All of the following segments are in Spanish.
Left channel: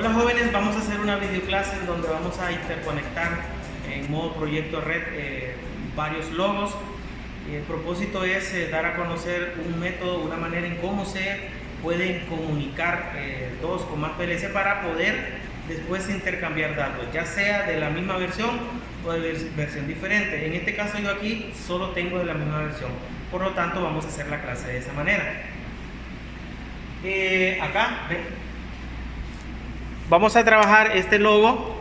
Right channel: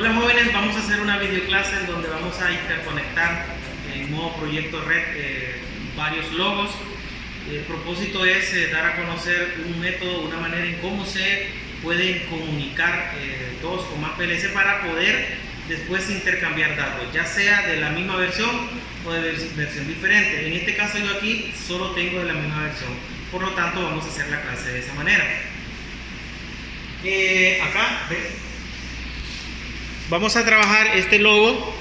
Hola jóvenes, vamos a hacer una videoclase en donde vamos a interconectar en modo proyecto red varios logos. El propósito es dar a conocer un método, una manera en cómo se pueden comunicar dos o más PLC para poder después intercambiar datos, ya sea de la misma versión o de versión diferente. En este caso yo aquí solo tengo de la misma versión, por lo tanto vamos a hacer la clase de esa manera. Acá vamos a trabajar este logo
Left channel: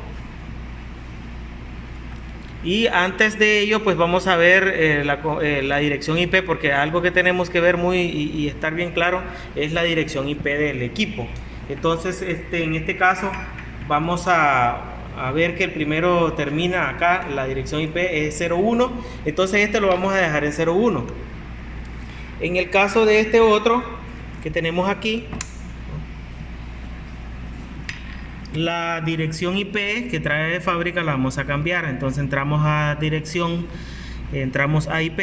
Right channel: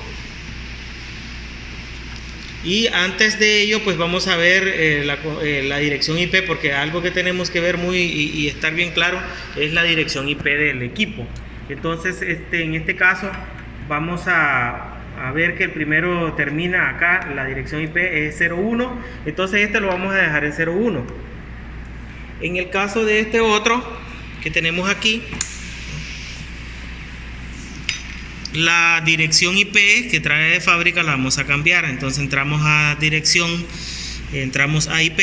y antes de ello pues vamos a ver la dirección IP, porque algo que tenemos que ver y estar bien claro es la dirección IP del equipo. Entonces en este caso vamos a ver que el primero termina acá, la dirección IP es 01, entonces este lo vamos a dejar en 01. En el caso de este otro que tenemos aquí, la dirección IP que trae de fábrica la vamos a cambiar. Entonces entramos a dirección, entramos a IP.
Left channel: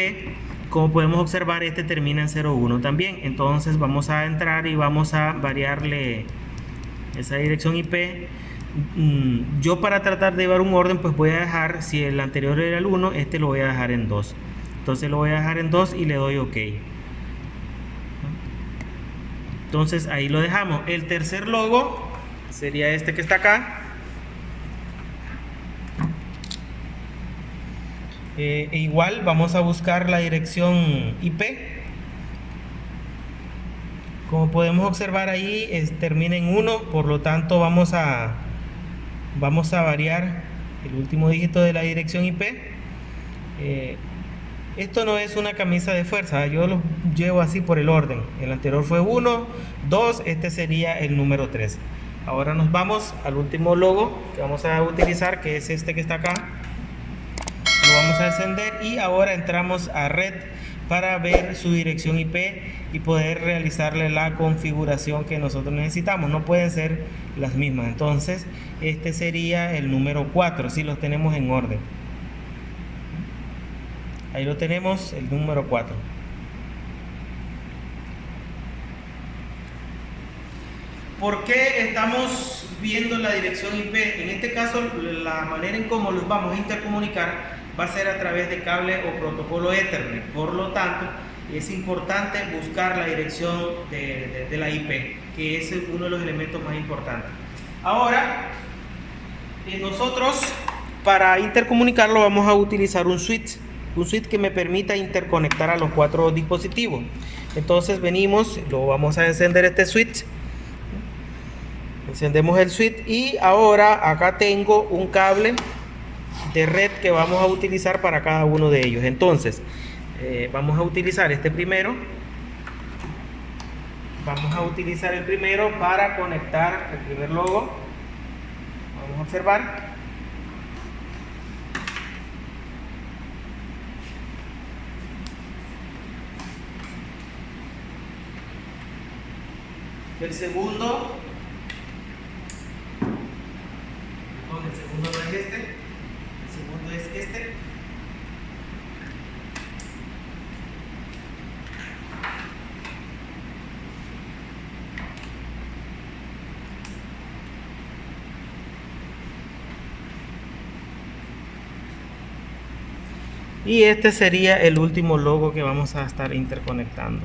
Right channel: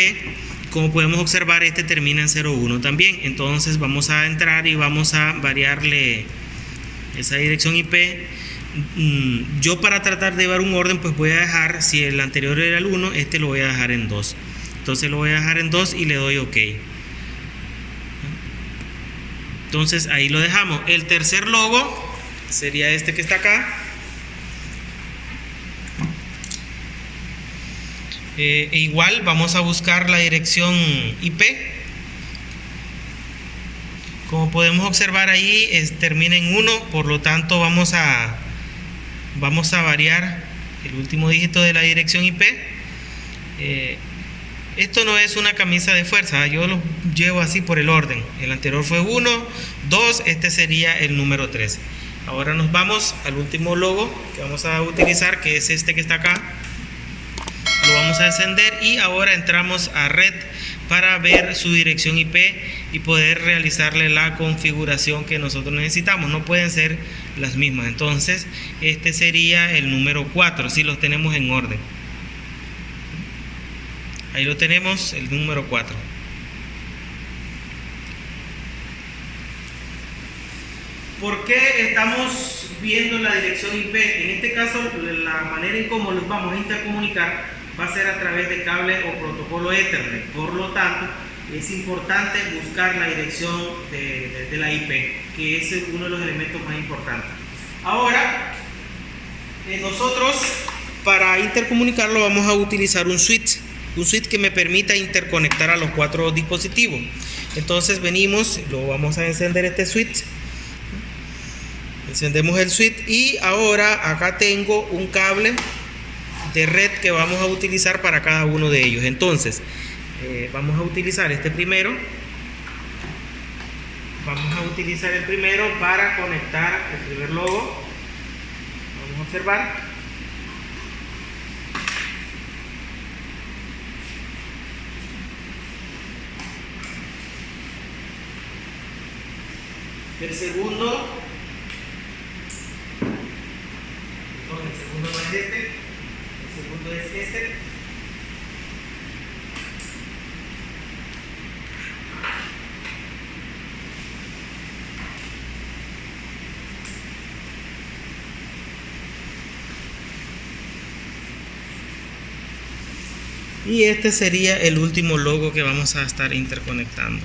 Como podemos observar, este termina en 01 también. Entonces vamos a entrar y vamos a variarle esa dirección IP. Yo, para tratar de llevar un orden, pues voy a dejar, si el anterior era el 1, este lo voy a dejar en 2. Entonces lo voy a dejar en 2 y le doy OK. Entonces ahí lo dejamos. El tercer logo sería este que está acá. Igual vamos a buscar la dirección IP. Como podemos observar ahí termina en 1, por lo tanto vamos a variar el último dígito de la dirección IP. Esto no es una camisa de fuerza, yo lo llevo así por el orden. El anterior fue 1, 2, este sería el número 3. Ahora nos vamos al último logo que vamos a utilizar, que es este que está acá. Lo vamos a encender y ahora entramos a red para ver su dirección IP y poder realizarle la configuración que nosotros necesitamos. No pueden ser las mismas. Entonces este sería el número 4, si los tenemos en orden. Ahí lo tenemos, el número 4. ¿Por qué estamos viendo la dirección IP? En este caso, la manera en cómo los vamos a intercomunicar va a ser a través de cable o protocolo Ethernet. Por lo tanto, es importante buscar la dirección de la IP, que es uno de los elementos más importantes. Ahora, nosotros para intercomunicarlo vamos a utilizar un switch que me permita interconectar a los 4 dispositivos. Entonces venimos, lo vamos a encender este switch. Encendemos el switch y ahora acá tengo un cable de red que vamos a utilizar para cada uno de ellos. Entonces vamos a utilizar este primero. Vamos a utilizar el primero para conectar el primer logo. Vamos a observar. El segundo no es este, el segundo es este. Y este sería el último logo que vamos a estar interconectando.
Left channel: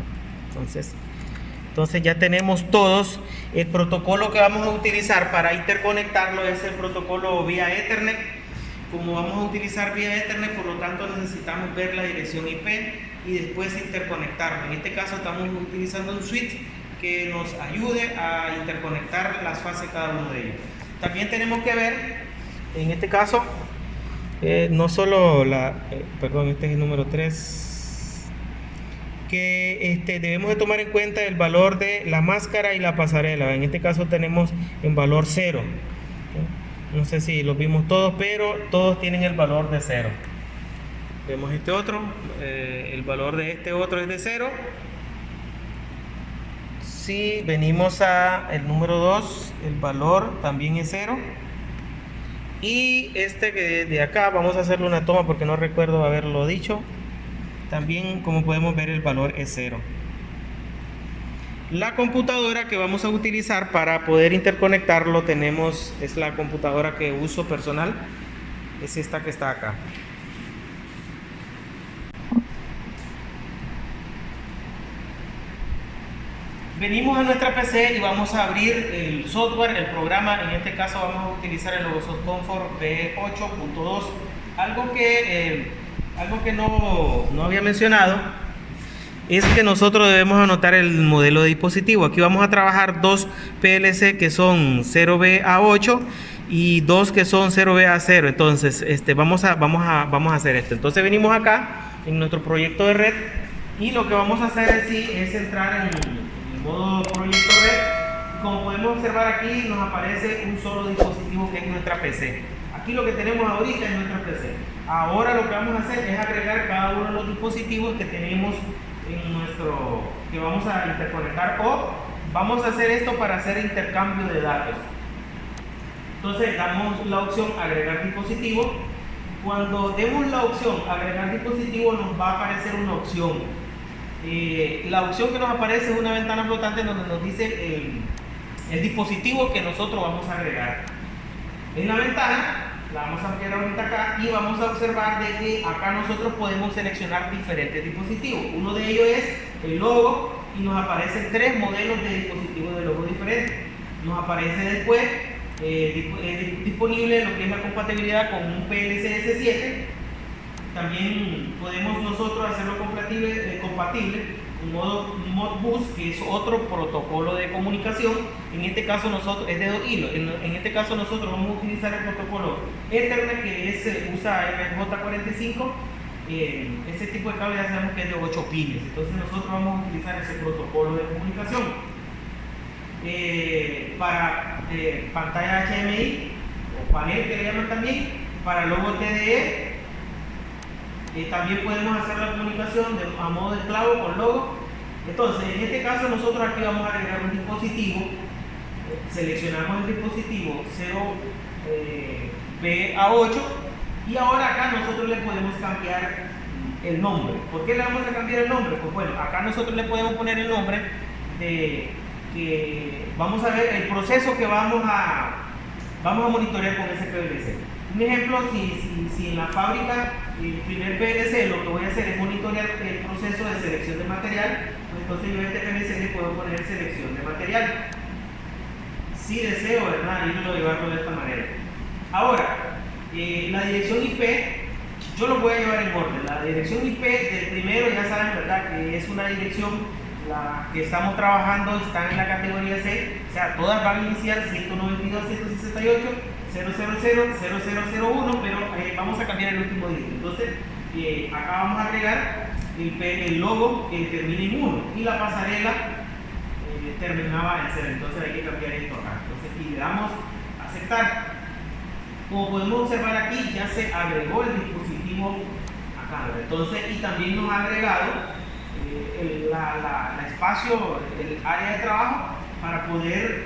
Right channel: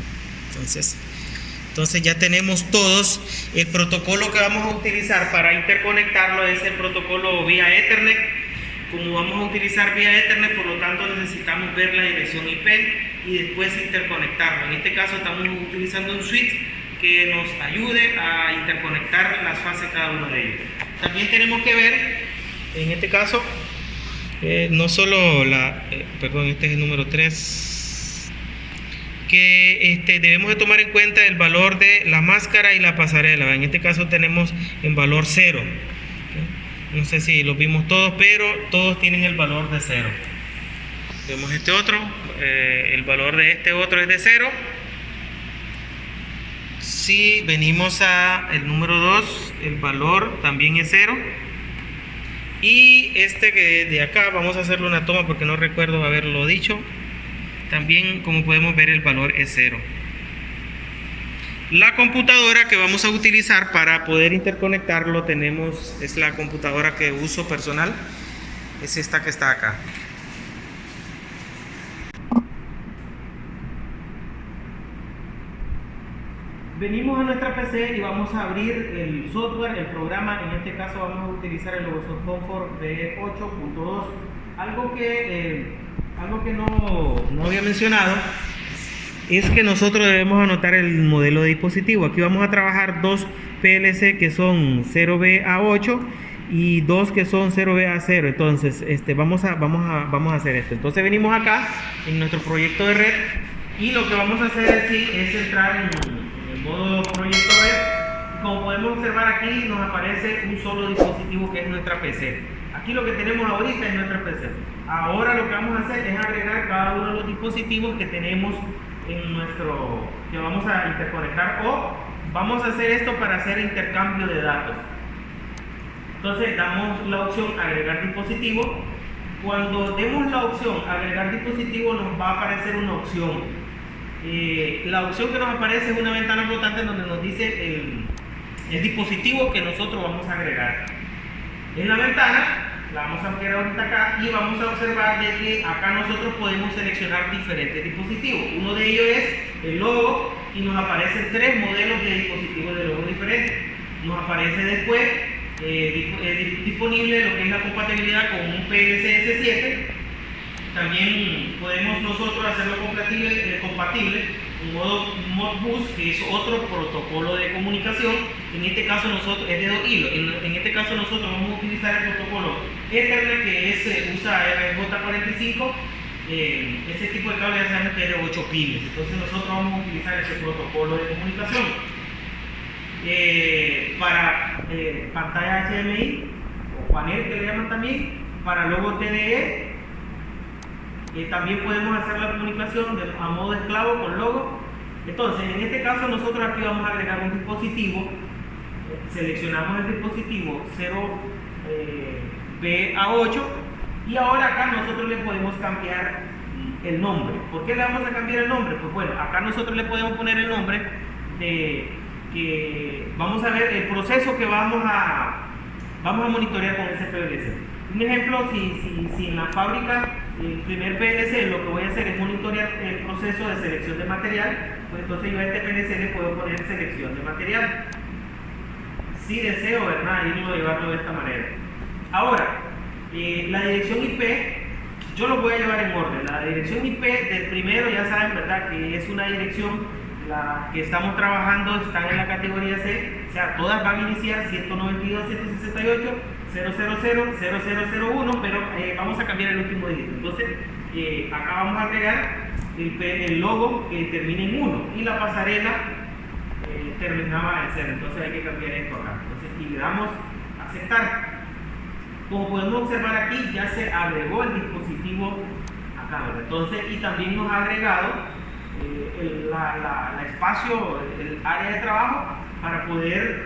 Entonces ya tenemos todos. El protocolo que vamos a utilizar para interconectarlo es el protocolo vía Ethernet. Como vamos a utilizar vía Ethernet, por lo tanto necesitamos ver la dirección IP y después interconectarlo. En este caso estamos utilizando un switch que nos ayude a interconectar las fases de cada uno de ellos. También tenemos que ver, en este caso, no solo este es el número 3, que debemos de tomar en cuenta el valor de la máscara y la pasarela. En este caso tenemos en valor 0. No sé si los vimos todos, pero todos tienen el valor de 0. Vemos este otro, el valor de este otro es de 0. Si venimos a el número 2, el valor también es 0. Y este que de acá, vamos a hacerle una toma porque no recuerdo haberlo dicho. También, como podemos ver, el valor es 0. La computadora que vamos a utilizar para poder interconectarlo es la computadora que uso personal, es esta que está acá. Venimos a nuestra PC y vamos a abrir el software, el programa. En este caso vamos a utilizar el Logosoft Comfort V8.2. Algo que no había mencionado es que nosotros debemos anotar el modelo de dispositivo. Aquí vamos a trabajar dos PLC que son 0B-A8 y dos que son 0B-A0. Entonces vamos a hacer esto. Entonces venimos acá en nuestro proyecto de red y lo que vamos a hacer es entrar en modo proyecto red. Como podemos observar aquí nos aparece un solo dispositivo que es nuestra PC. Aquí lo que tenemos ahorita es nuestra PC. Ahora lo que vamos a hacer es agregar cada uno de los dispositivos que tenemos que vamos a interconectar, o vamos a hacer esto para hacer intercambio de datos. Entonces damos la opción agregar dispositivo. Cuando demos la opción agregar dispositivo nos va a aparecer una opción. La opción que nos aparece es una ventana flotante donde nos dice el dispositivo que nosotros vamos a agregar. En la ventana la vamos a ampliar ahorita acá y vamos a observar de que acá nosotros podemos seleccionar diferentes dispositivos. Uno de ellos es el logo y nos aparecen tres modelos de dispositivos de logo diferentes. Nos aparece después disponible lo que es la compatibilidad con un PLC S7. También podemos nosotros hacerlo compatible un modo Modbus, que es otro protocolo de comunicación. En este caso nosotros es de 2 hilos. En este caso nosotros vamos a utilizar el protocolo Ethernet, que usa RJ45. Ese tipo de cable ya sabemos que es de 8 pines. Entonces nosotros vamos a utilizar ese protocolo de comunicación. Para pantalla HDMI o panel, que le llaman también, para logo TDE. También podemos hacer la comunicación a modo esclavo con logo. Entonces, en este caso nosotros aquí vamos a agregar un dispositivo. Seleccionamos el dispositivo 0B-A8 y ahora acá nosotros le podemos cambiar el nombre. ¿Por qué le vamos a cambiar el nombre? Pues bueno, acá nosotros le podemos poner el nombre que vamos a ver el proceso que vamos a monitorear con ese PLC. Un ejemplo, si en la fábrica el primer PLC lo que voy a hacer es monitorear el proceso de selección de material, pues entonces yo a este PLC le puedo poner selección de material. Si deseo, ¿verdad?, llevarlo de esta manera. Ahora, la dirección IP, yo lo voy a llevar en orden. La dirección IP del primero, ya saben, ¿verdad?, que es una dirección, la que estamos trabajando, están en la categoría C, o sea, todas van a iniciar 192.168.000.0001, pero vamos a cambiar el último dígito. Entonces, acá vamos a agregar el logo que termine en 1 y la pasarela terminaba en 0. Entonces hay que cambiar esto acá. Entonces, y le damos a aceptar. Como podemos observar aquí, ya se agregó el dispositivo acá, ¿verdad? Entonces, y también nos ha agregado el espacio, el área de trabajo para poder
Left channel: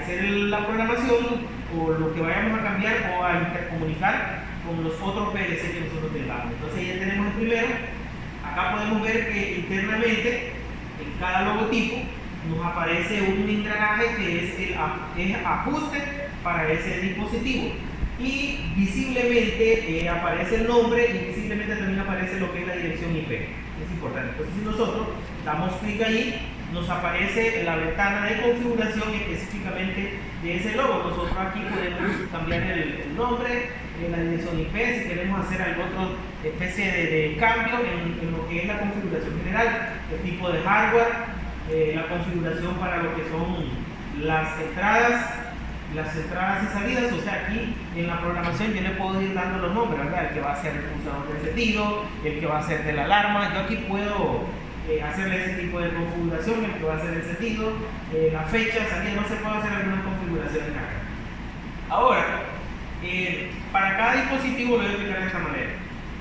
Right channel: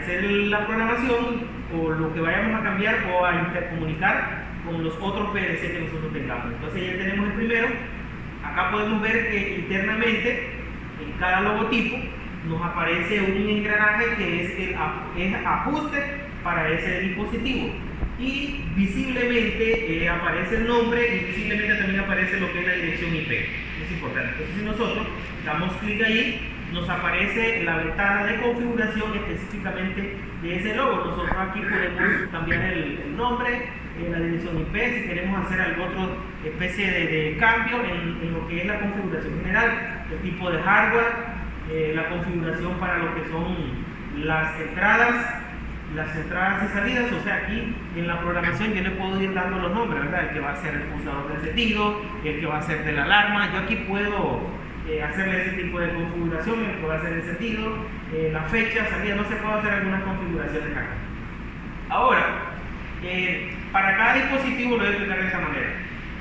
hacer la programación o lo que vayamos a cambiar o a intercomunicar con los otros PLC que nosotros tengamos. Entonces ya tenemos el primero. Acá podemos ver que internamente en cada logotipo nos aparece un engranaje que es ajuste para ese dispositivo, y visiblemente aparece el nombre y visiblemente también aparece lo que es la dirección IP. Es importante. Entonces, si nosotros damos clic ahí, nos aparece la ventana de configuración específicamente de ese logo. Nosotros aquí podemos cambiar el nombre, la dirección IP, si queremos hacer alguna otra especie de cambio en lo que es la configuración general, el tipo de hardware, la configuración para lo que son las entradas y salidas. O sea, aquí en la programación yo le puedo ir dando los nombres, ¿verdad? El que va a ser el pulsador de sentido, el que va a ser de la alarma. Yo aquí puedo hacerle ese tipo de configuración, el que va a ser de sentido, la fecha, salida, no se puede hacer algunas configuraciones acá. Ahora, para cada dispositivo lo voy a explicar de esta manera.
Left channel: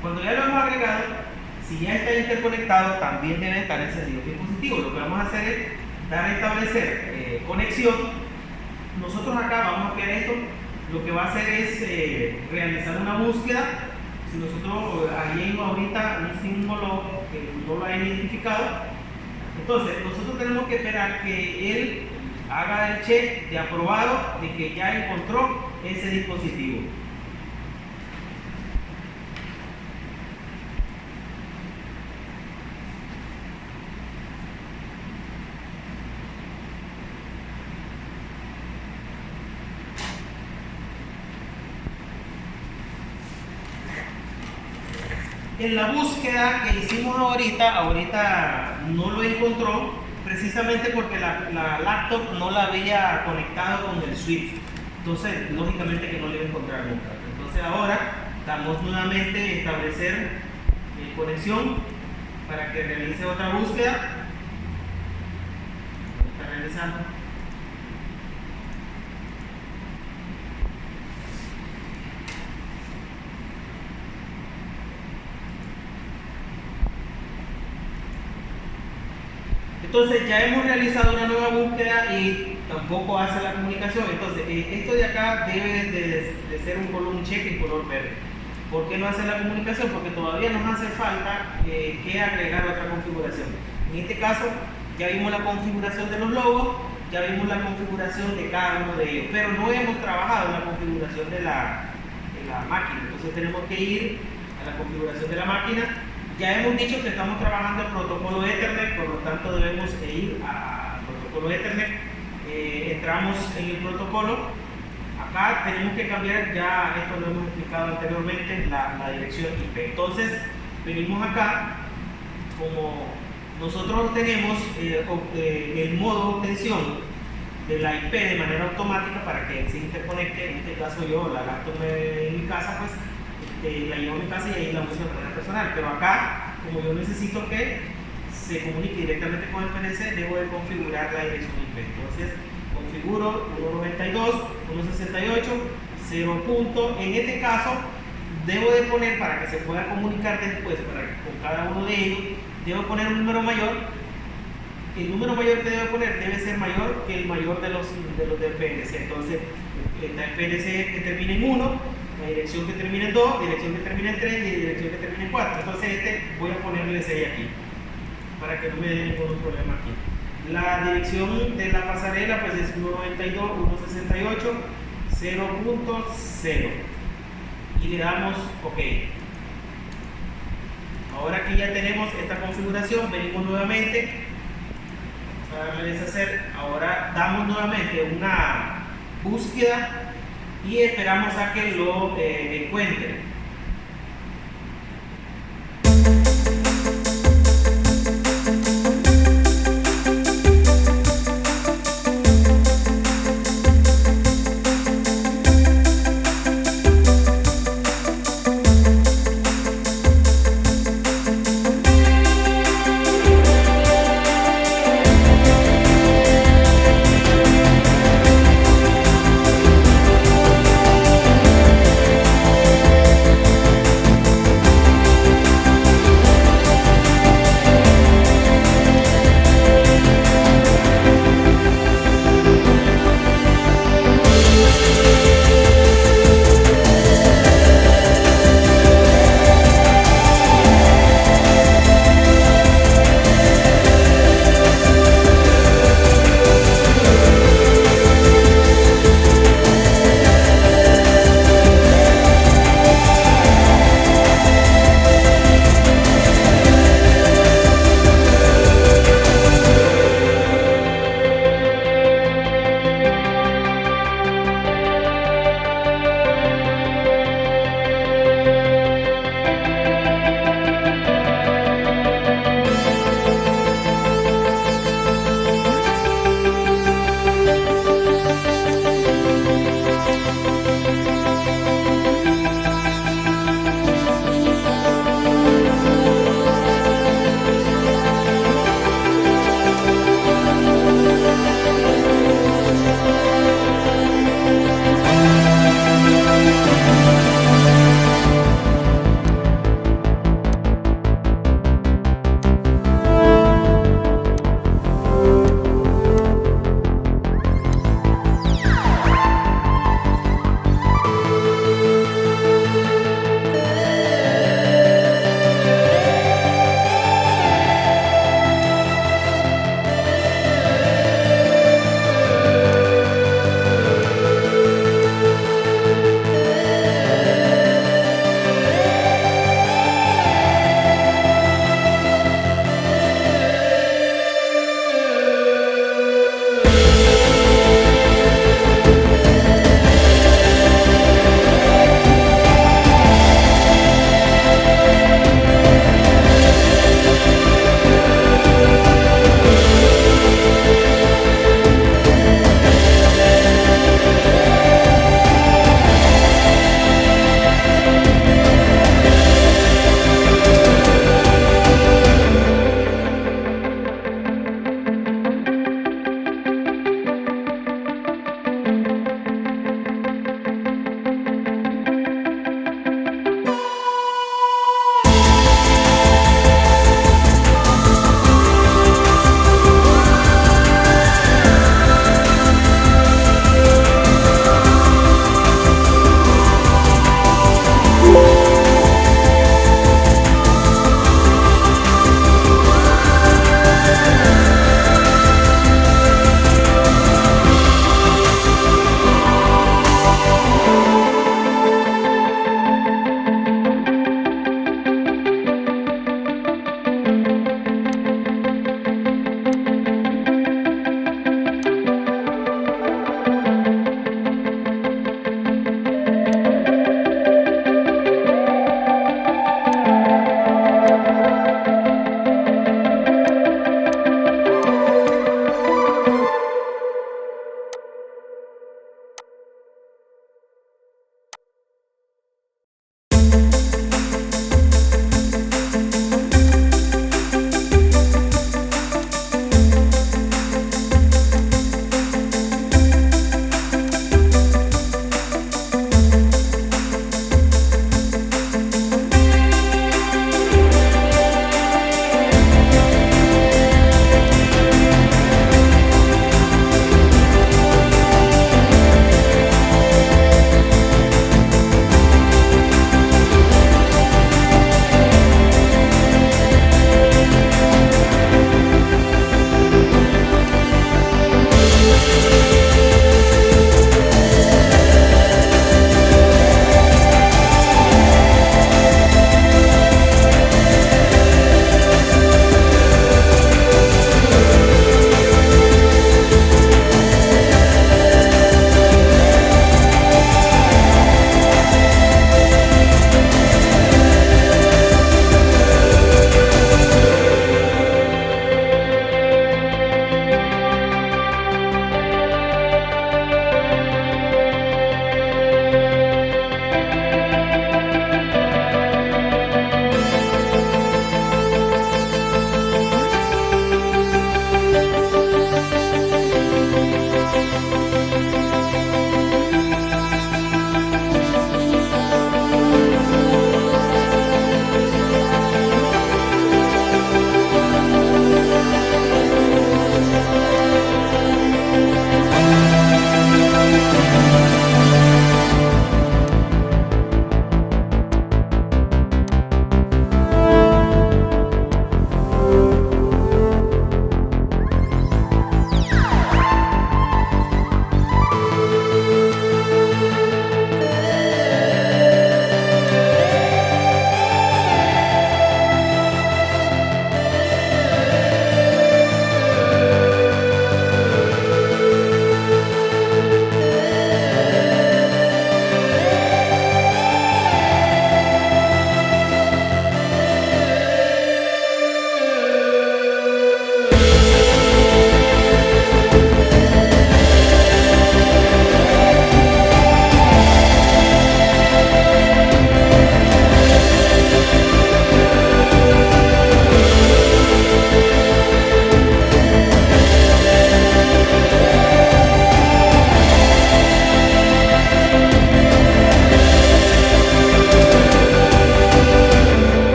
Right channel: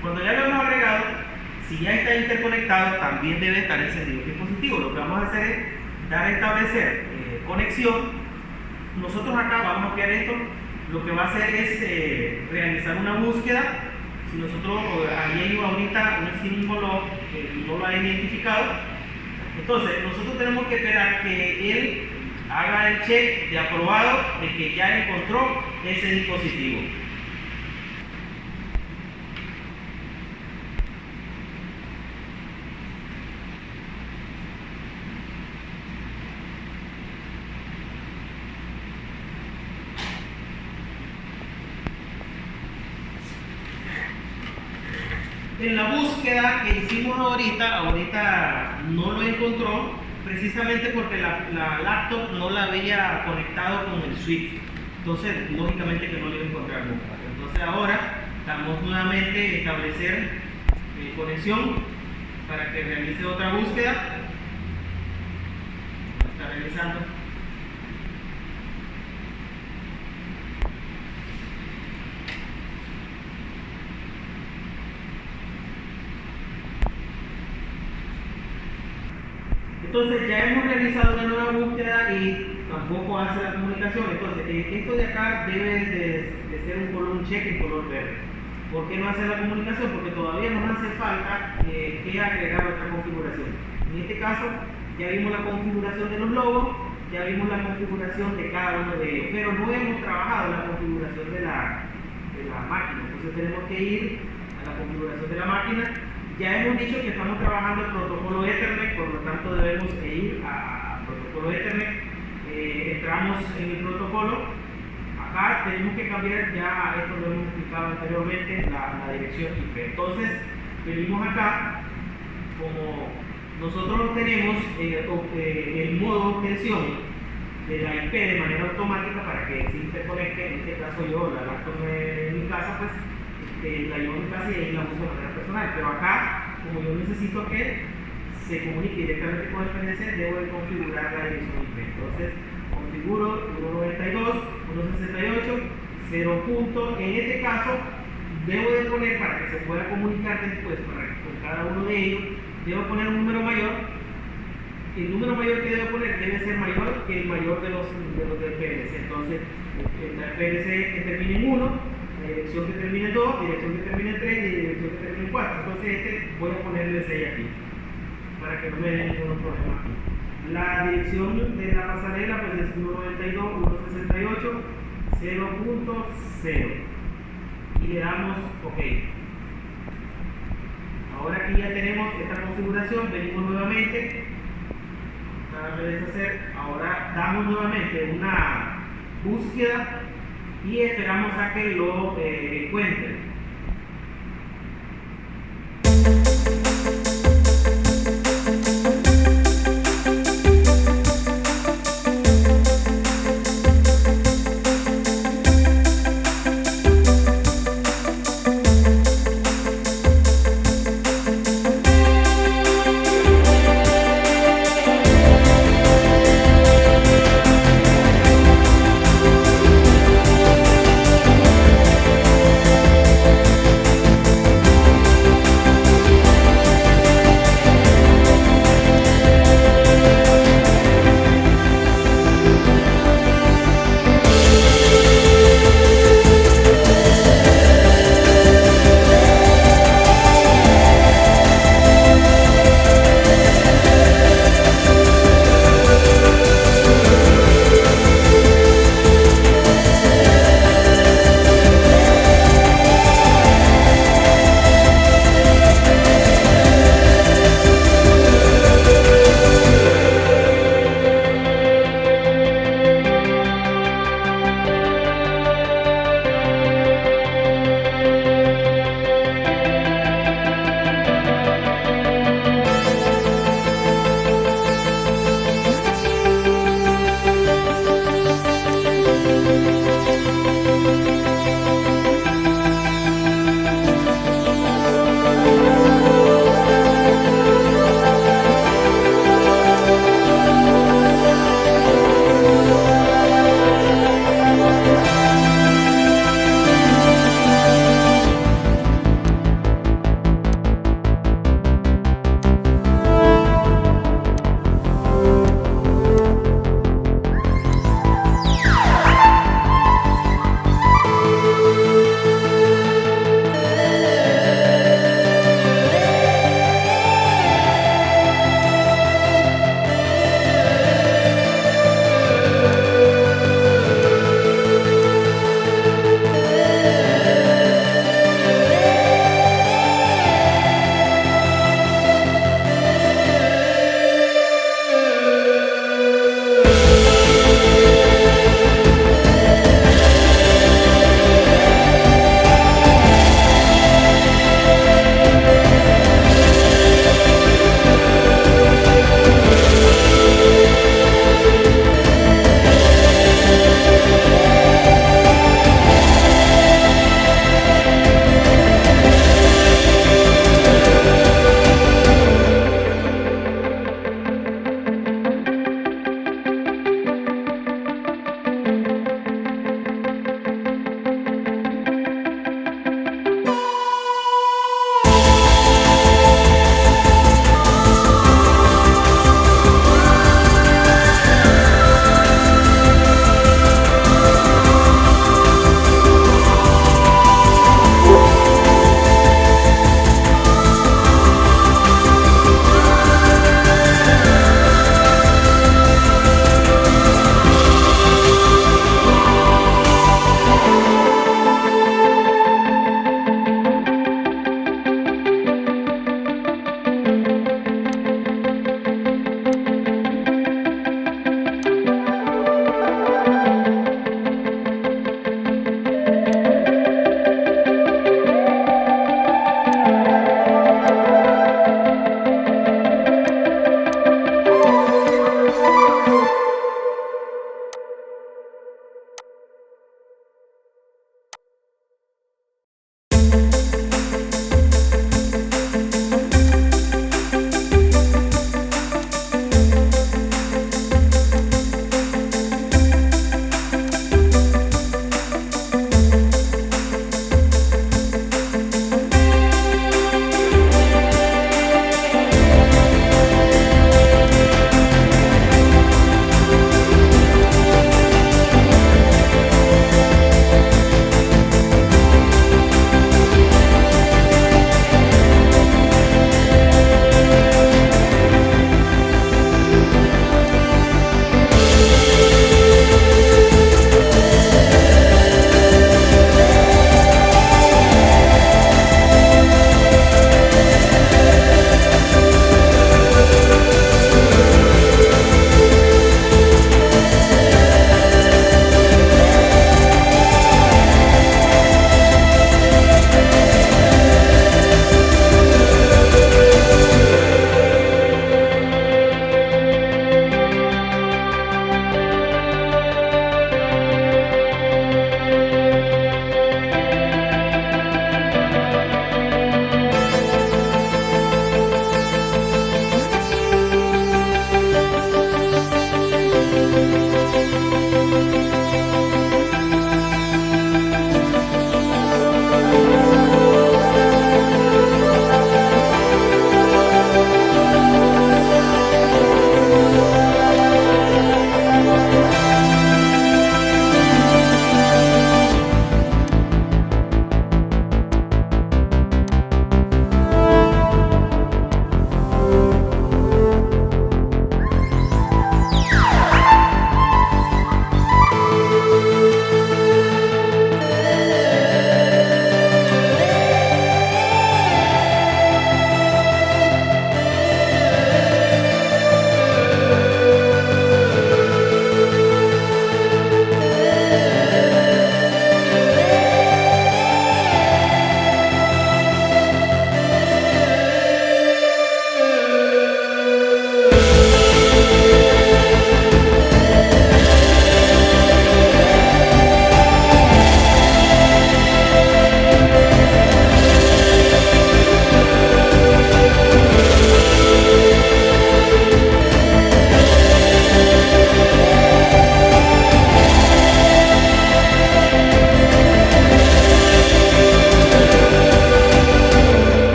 Cuando ya lo hemos agregado, si ya está interconectado, también debe estar encendido el dispositivo. Lo que vamos a hacer es dar a establecer conexión. Nosotros acá vamos a ampliar esto. Lo que va a hacer es realizar una búsqueda. Si nosotros ahí hay ahorita un símbolo que no lo ha identificado, Entonces, nosotros tenemos que esperar que él haga el check de aprobado de que ya encontró ese dispositivo. En la búsqueda que hicimos ahorita no lo encontró, precisamente porque la laptop no la había conectado con el switch. Entonces, lógicamente que no lo iba a encontrar nunca. Entonces ahora estamos nuevamente en establecer conexión para que realice otra búsqueda. Está realizando. Entonces ya hemos realizado una nueva búsqueda y tampoco hace la comunicación. Entonces esto de acá debe de ser un check en color verde. ¿Por qué no hace la comunicación? Porque todavía nos hace falta que agregar otra configuración. En este caso ya vimos la configuración de los logos, ya vimos la configuración de cada uno de ellos, pero no hemos trabajado la configuración de la máquina. Entonces tenemos que ir a la configuración de la máquina. Ya hemos dicho que estamos trabajando el protocolo Ethernet, por lo tanto debemos ir al protocolo Ethernet. Entramos en el protocolo. Acá tenemos que cambiar, ya esto lo hemos explicado anteriormente, la dirección IP. Entonces venimos acá, como nosotros tenemos el modo obtención de la IP de manera automática para que se interconecte. En este caso yo la laptop en mi casa, pues la llevo a mi casa y ahí la uso de manera personal, pero acá, como yo necesito que se comunique directamente con el PNC, debo de configurar la dirección IP. Entonces configuro 192.168.0. En este caso debo de poner, para que se pueda comunicar después con cada uno de ellos, debo poner un número mayor. El número mayor que debo poner debe ser mayor que el mayor de los del PNC. Entonces el PNC que termine en 1, la dirección que termina en 2, dirección que termina en 3 y dirección que termina en 4. Entonces voy a ponerle 6 aquí para que no me dé ningún problema aquí. La dirección de la pasarela pues es 192.168.0.0 y le damos OK. Ahora que ya tenemos esta configuración, venimos nuevamente a darle deshacer. Ahora damos nuevamente una búsqueda y esperamos a que lo encuentre.